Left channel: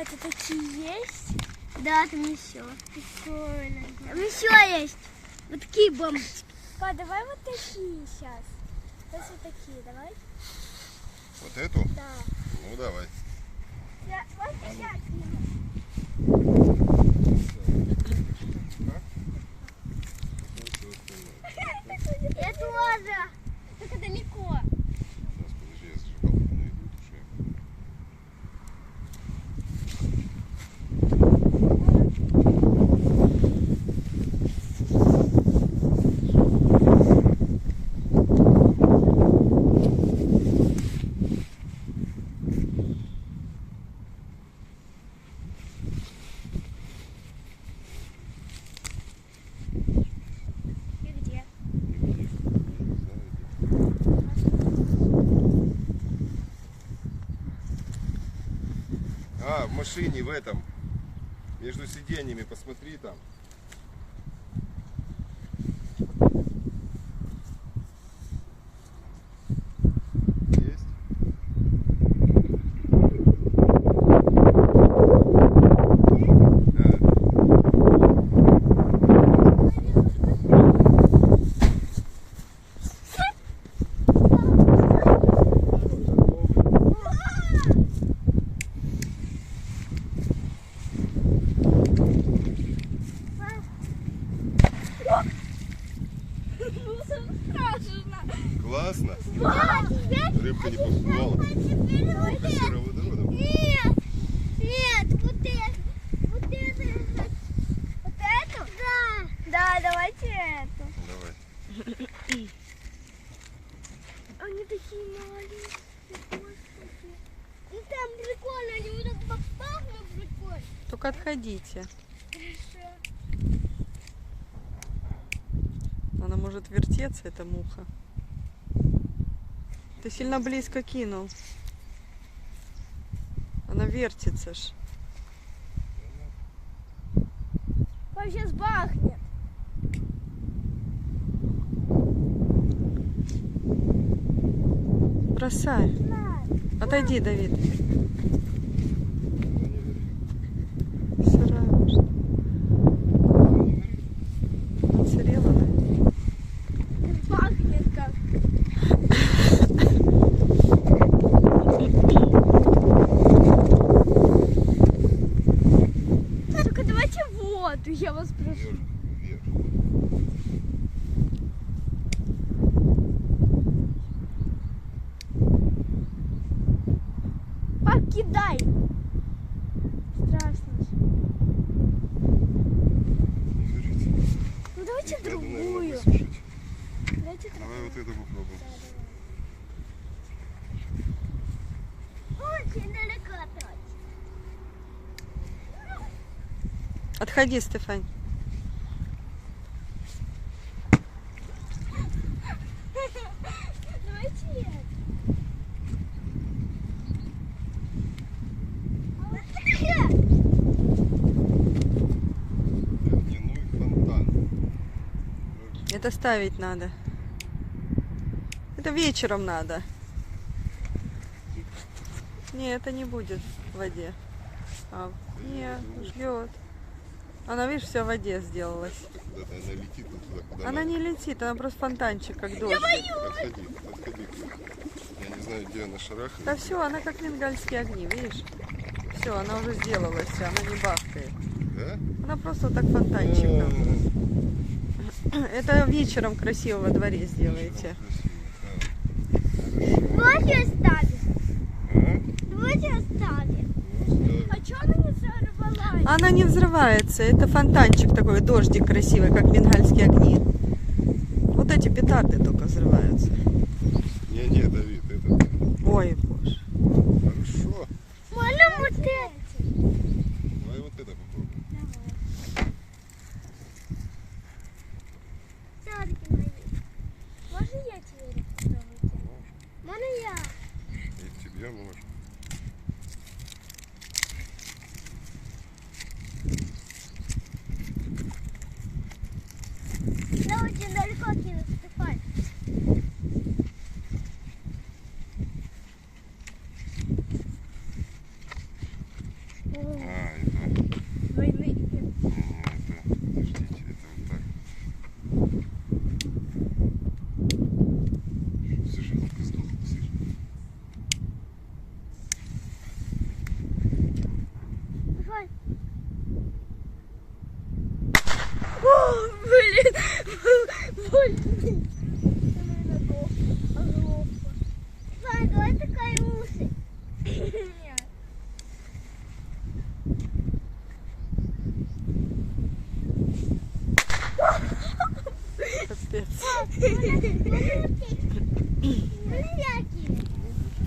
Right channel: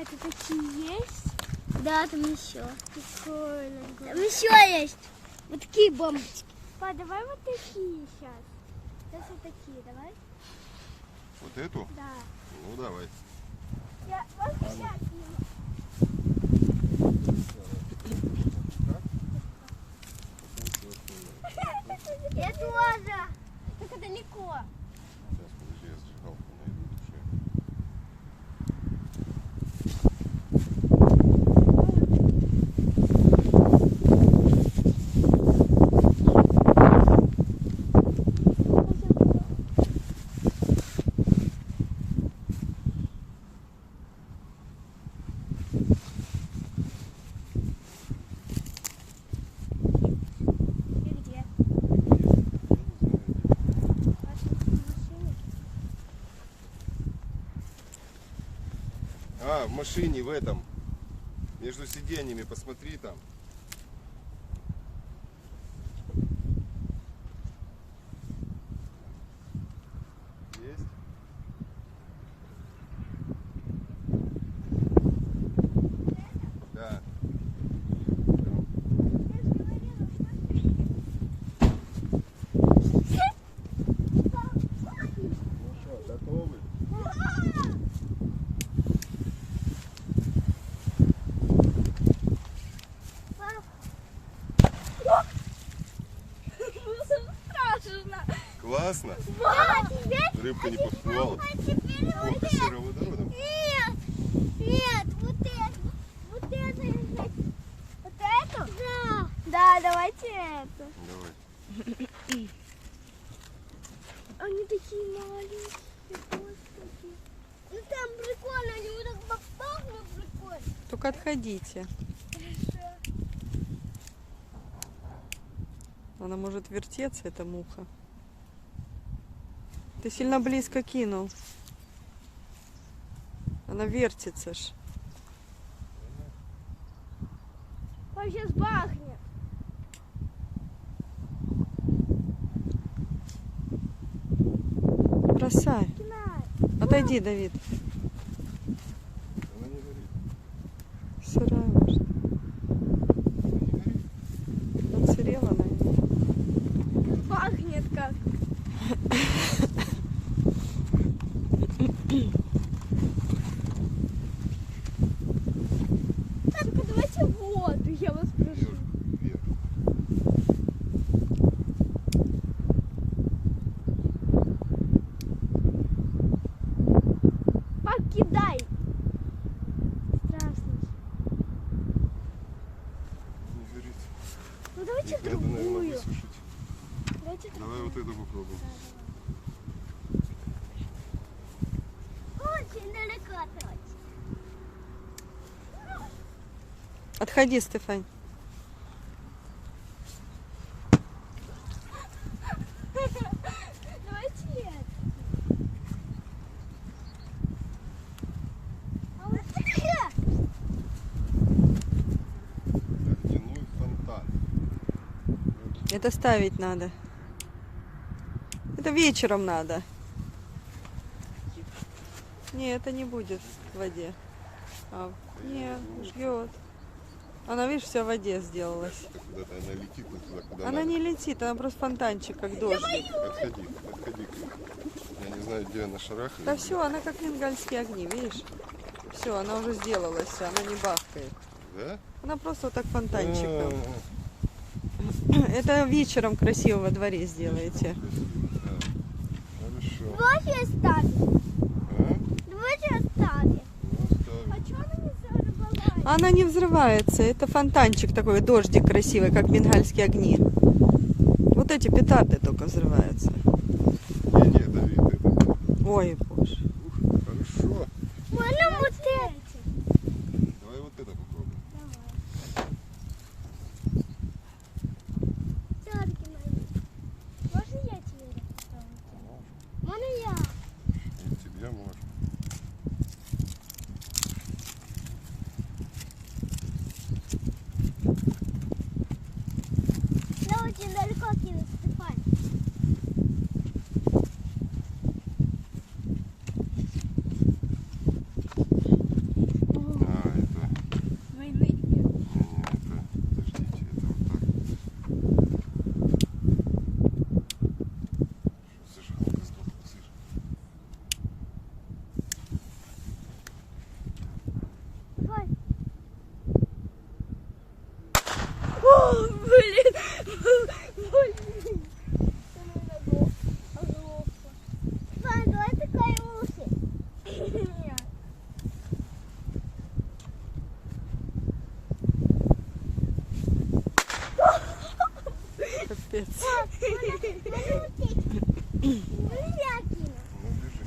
Это такие есть? Да, там еще. Прикольно. Там еще есть. Вот такие бомбочки. Па, давай вот такие сейчас. Сейчас вот такие, давай. Вот эту? Да. Ну давай. Я вот сейчас сниму. Я тоже. Только далеко. Сейчас, подожди, я зажигалку найду. И где? А, в машине, в этом. Между сиденьями, посмотри там. Есть? Да. Классно. Рыбка не попугала. По сероводороду. Нет, нет, вот это. Вот это лежит. Вот эту? Да. Да, давайте эту. Давай. Они такие маленькие. Господи. Ну там прикольно, они вот так бах-бах, прикольно. Только отходите. Хорошо. Она может вертеться, эта муха. Ты сильно близко кинул. Она вертится ж. Он сейчас бахнет. Бросай. Отойди, Давид. Сырая, может. Отсырела она. Пахнет как. Только давайте воду, я вас прошу. Вверх. Покидай. Страшно. Не жрите. Ну давайте Их надо, наверное, другую. высушить. Давайте Давай вот это попробуем. Очень далеко трать. Отходи, Стефань. Давайте это. А вот это. Ледяной фонтан. Это ставить надо. Это вечером надо. Не, это не будет в воде. А, не, жгет. Она, видишь, вся в воде сделалась. Куда-то она летит вот туда, куда Она надо. не летит, она просто фонтанчик, как дождик. Подходи, подходи. Я не знаю, где она шарахает. Да все, она как бенгальские огни, видишь? Все, она уже сделалась, она не бахкает. Да? Она просто вот так фонтанчик там. Это вечером красиво во дворе сделаете. Хорошо. Давайте оставим. А? Давайте оставим. А что она не взорвалась? Она не взрывается, это фонтанчик такой, дождик красивый, как бенгальские огни. Вот эти петарды только взрываются. Не, Давид, это Ой, боже. хорошо. Можно вот это? Давай вот это попробуем. Садки мои. Можно я тебе попробую? Можно я? И тебе можно. Я очень далеко кину, Стефан. Ну, держи.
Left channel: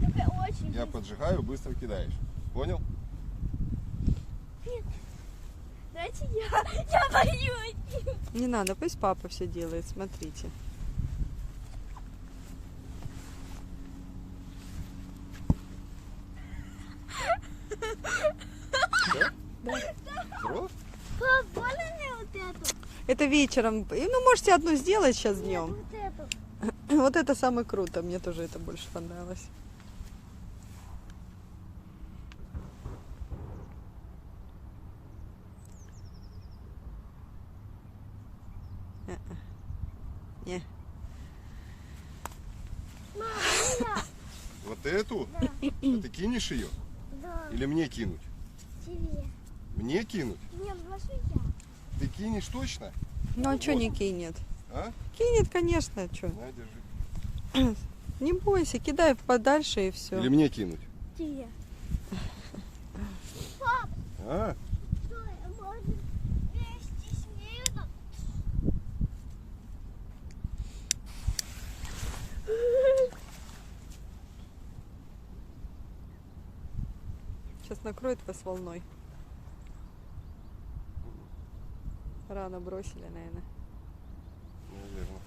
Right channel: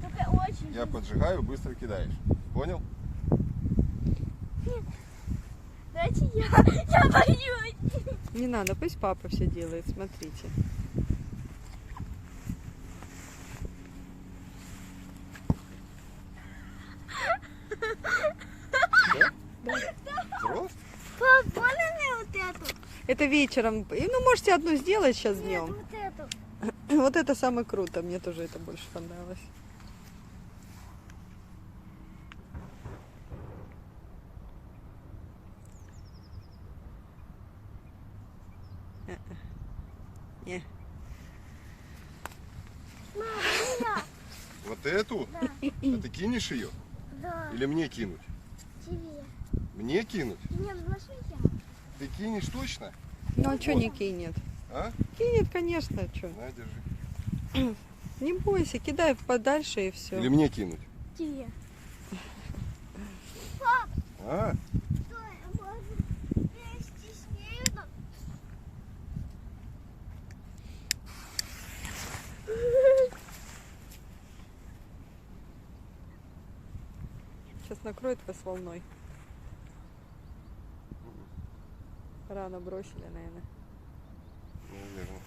Только очень. Я поджигаю, быстро кидаешь. Понял? Дайте я боюсь. Не надо, пусть папа все делает, смотрите. Взрослый? Пап, можно мне вот эту? Это вечером. И, ну, можете одну сделать сейчас Нет, днем. вот эту. Вот это самое круто, мне тоже это больше понравилось. Не. Мама, я. Вот эту? А ты кинешь ее? Да, Или мне кинуть? тебе. Мне кинуть? Нет, возьми я. Ты кинешь точно? Ну а что не кинет? А? Кинет, конечно, что. На, держи. Не бойся, кидай подальше и все. Или мне кинуть? Тебе. А? Стой, а может вместе с ней? Сейчас накроет вас волной. Рано бросили, наверное. Наверное.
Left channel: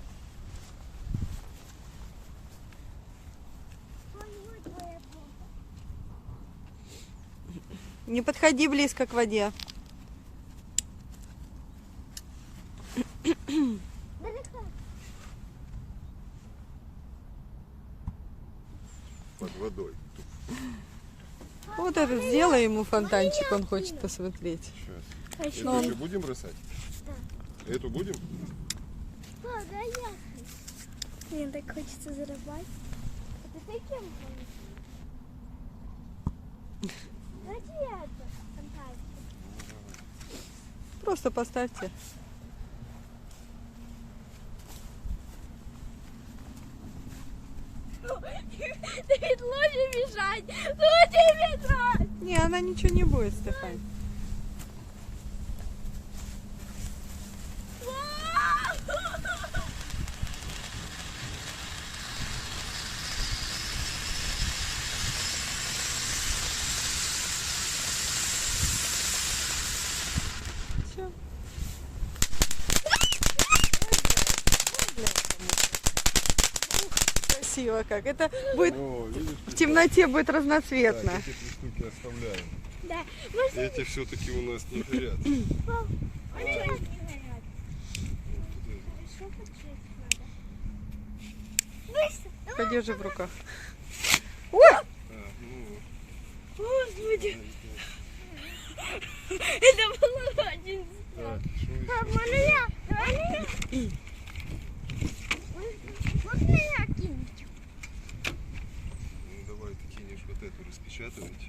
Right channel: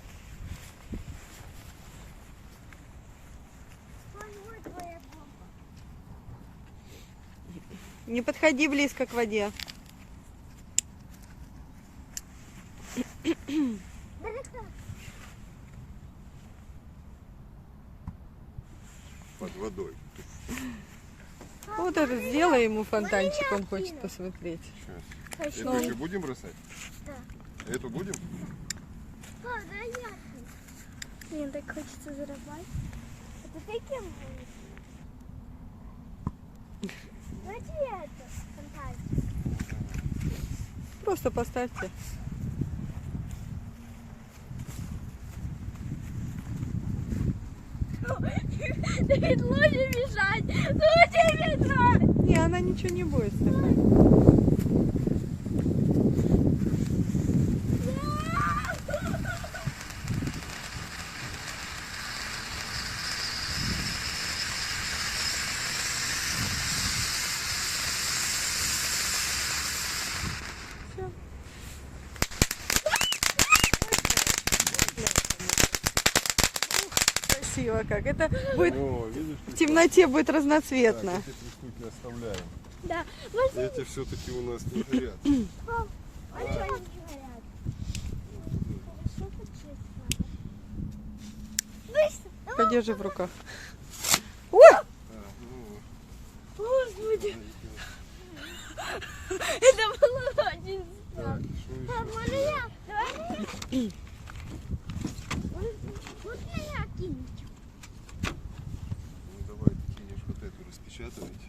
Вот твоя бомба. Не подходи близко к воде. Далеко. Под водой. Вот это сделай ему фонтанчик, он хочет посмотреть. Сейчас. Хочу. Эту еще будем бросать? Да. Эту будем? Пап, да я. Мне так хочется зарабатывать. Это ты кем будешь? Давайте я это фантазию. Просто поставьте. Ты лучше мешать. Лучше мешать. Не, она ничего не будет стакать. Все. Красиво как. Это будет О, видишь, в темноте будет разноцветно. так, эти 3 штуки оставляем. Да. Эти все-таки у нас не горят. Пап, а что они не горят? Хорошо почистить надо. Быстро. Подержи в руках. Так, ну, Господи. Это было очень так, что Пап, еще? можно я? Давай меня. Можно меня кинуть? Ну, давай ты кинешь вот эту распечатывать.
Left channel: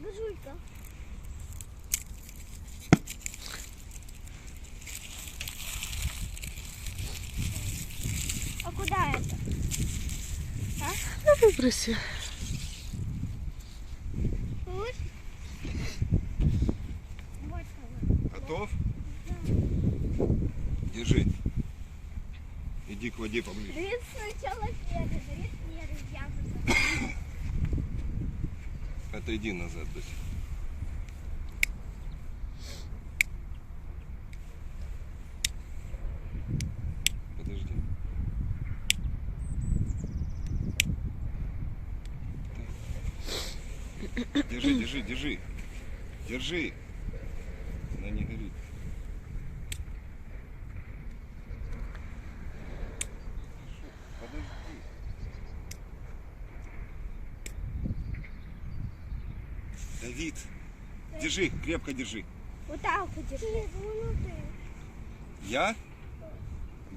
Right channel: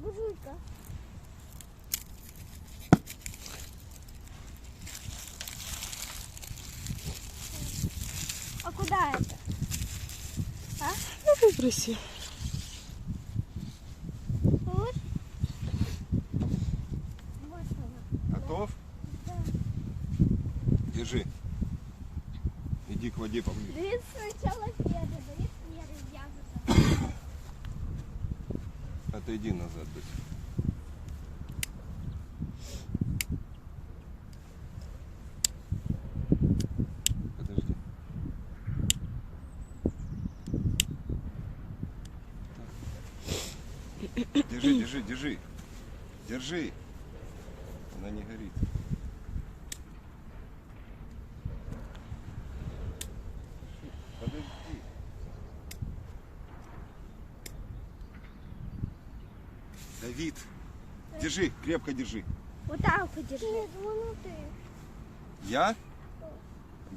Бужулька. А куда это? Ну, выброси. Вот. Вот она. Готов? Держи. Иди к воде поближе. Давид сначала первый, Давид первый, я потом. Отойди назад, Дуся. Подожди. Так. Держи, держи, держи. Держи. Она не горит. Подожди. Давид, держи, крепко держи. Вот так вот держи. Нет, вон ты. Я?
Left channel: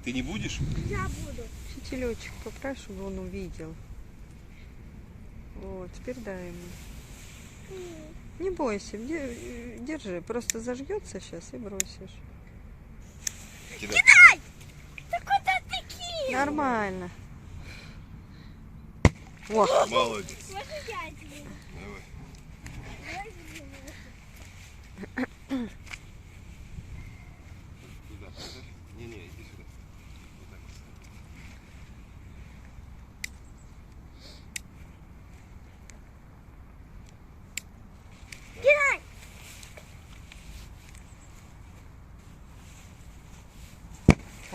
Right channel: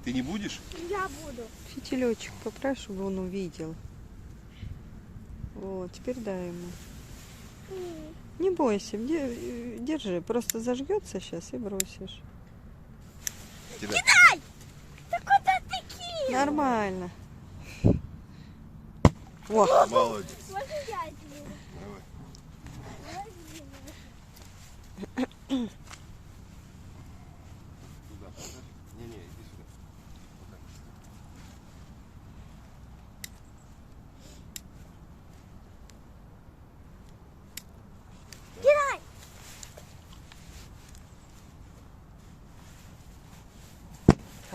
Ты не будешь? Я буду. Фитилечек поправь, чтобы он увидел. Вот, теперь дай ему. Не бойся, держи. Просто зажгется сейчас и бросишь. Кидай. Да куда ты кинул? Нормально. О, Молодец. Можно я это буду? Давай. Возьми.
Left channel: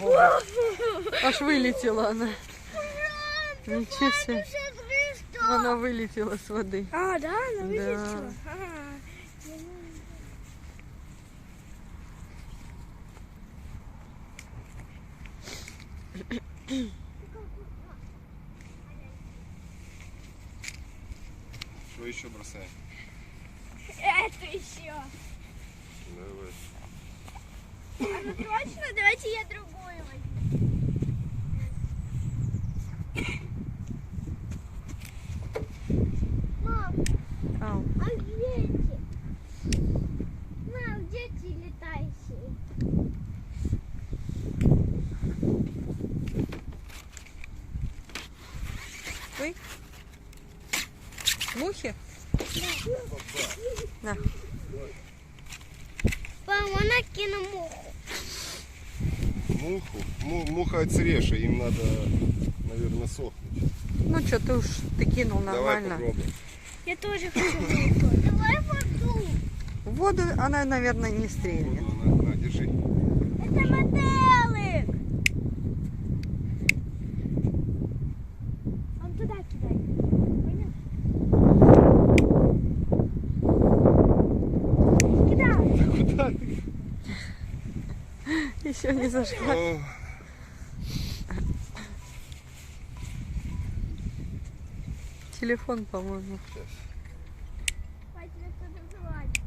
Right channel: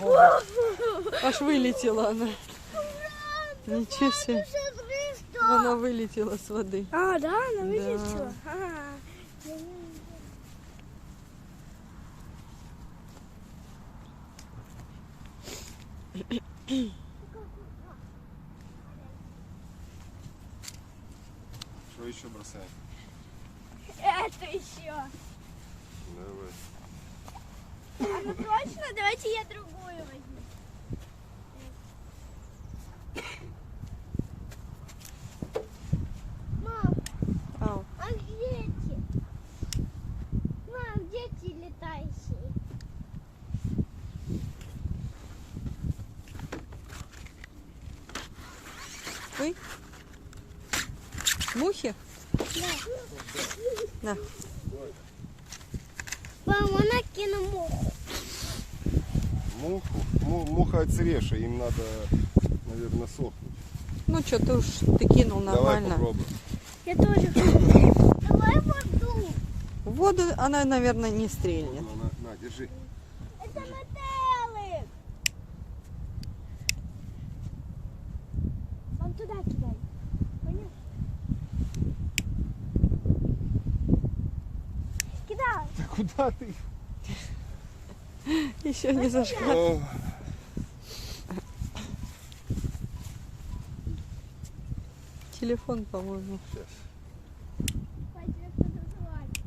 Ого. Аж вылетела она. Ничего себе. Она вылетела с воды. А, да, она Да. вылетела. Что еще бросаем? Это еще. Давай. Ну точно, давайте я другую возьму. Мам, Ау. а где эти? Мам, где эти летающие? Ой. Мухи? На. Мам, она кинула муху. Муху? Муха отсреша, им надо, наверное, сохнуть. Ну что, ты кинул нормально. Давай попробуем. Я тоже хочу. Давай воду. В воду она, наверное, не стрельнет. На, держи. Это мотелик. Он туда кидай. Понял? Кидай. Куда ты? Еще не зашла. О, Телефон, по-моему. сейчас. Пойди, кто-то звонит.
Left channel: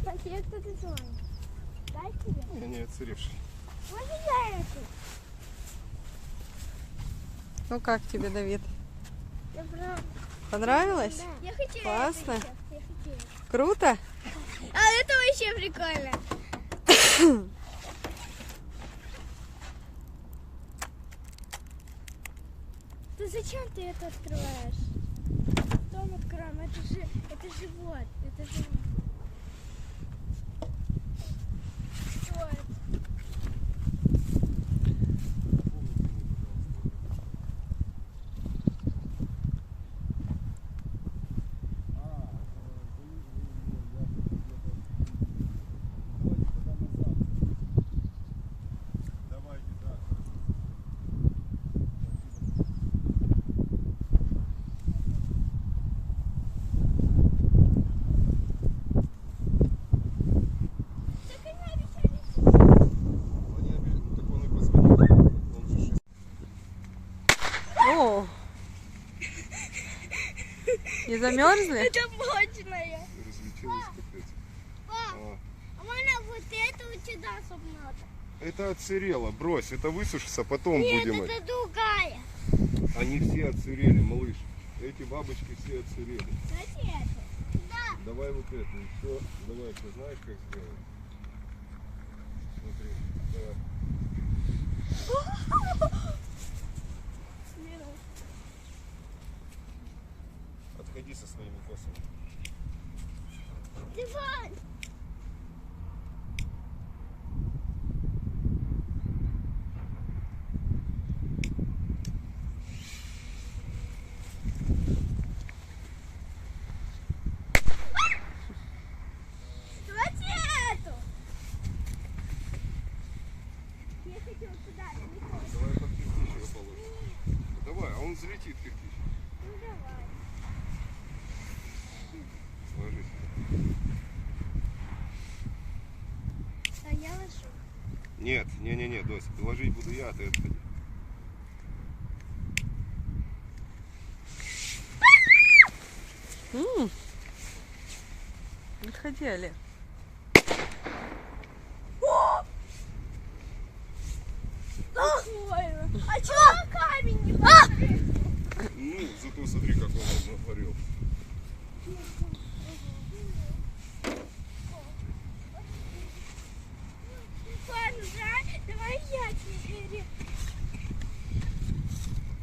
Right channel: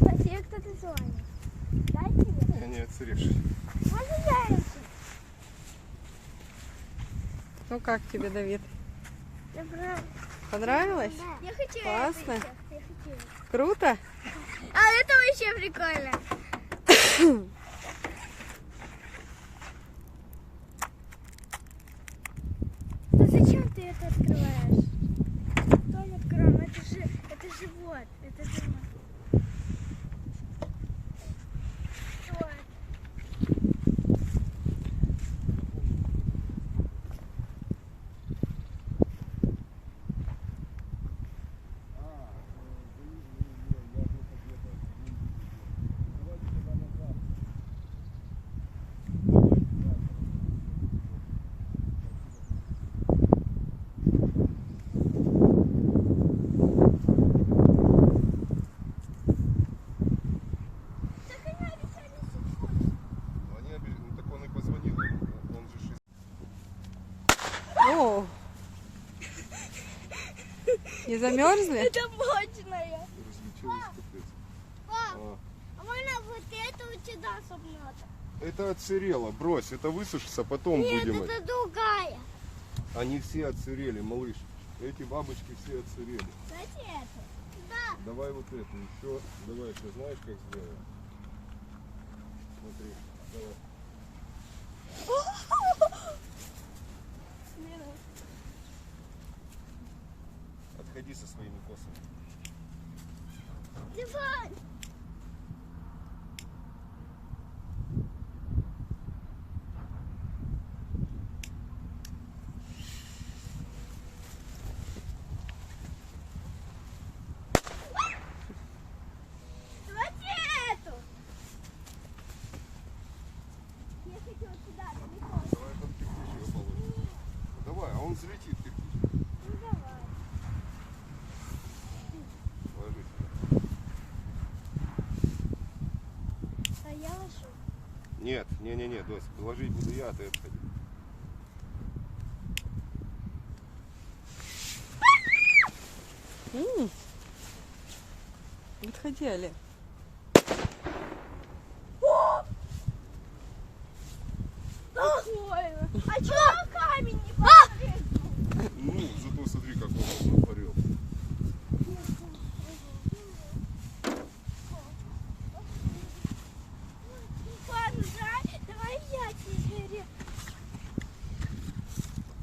Пойди, кто-то звонит. Дай тебе. Не отсрешь. Можно я это? Ну как тебе, Давид? Добро. Понравилось? Я хотела Классно. это еще. Я хотела. Круто? А это вообще прикольно. Да зачем ты это открываешь? Дом откроем, это живот. Это живот. Вот. О! Не замерзли? Это мощная. Разлетелась капец. А, А можно вот это у тебя согнать? это отсырело, брось, это высушится, потом Нет, будем. это другая. Они все отсырели, малыш. Эти бабочки все отсырели. Знаете это? Да. Давай вот эту еще. Давай, ты знаешь, как сделать? Смотри, давай. Отходи со своими косами. Диван. Давайте эту. Я хочу вот сюда, далеко. Давай под кирпич его положим. Давай, а он взлетит кирпич. Ну давай. Ложи сюда. А я ложу. Нет, не, Дось, ложить буду я, а ты отходи. Отходи, Олег. Прикольно. А чего на камень не посмотреть? Ну, зато смотри, как он натворил. Ладно, да? Давай я тебе.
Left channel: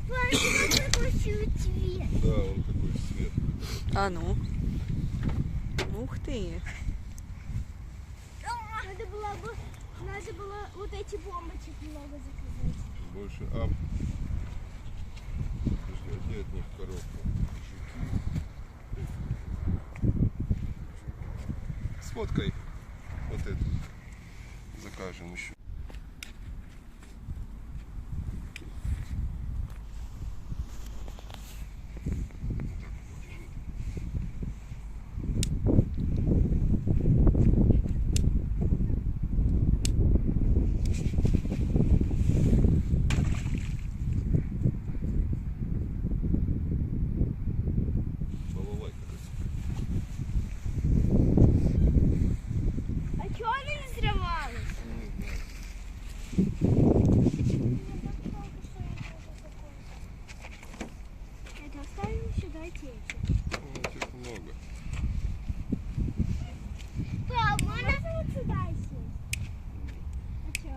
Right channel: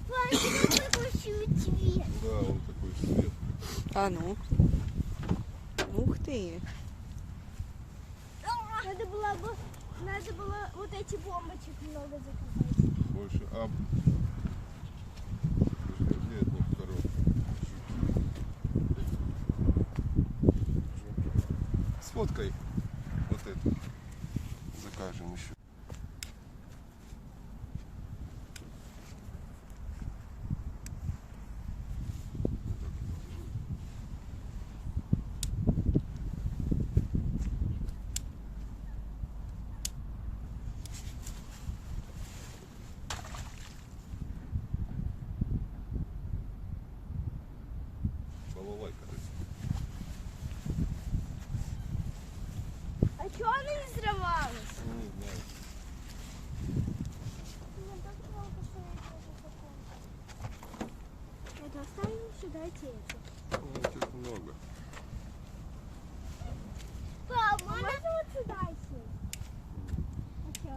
Ладно, давай такой цвет. Да, он такой цвет. А ну. Ух ты. Надо было вот эти бомбочек много заказать. Больше Жди от них коробку. сфоткай вот это. Закажем еще. А чого не зривалось? Это оставим сюда эти. Этих много. Пап, можно вот сюда сесть? А что?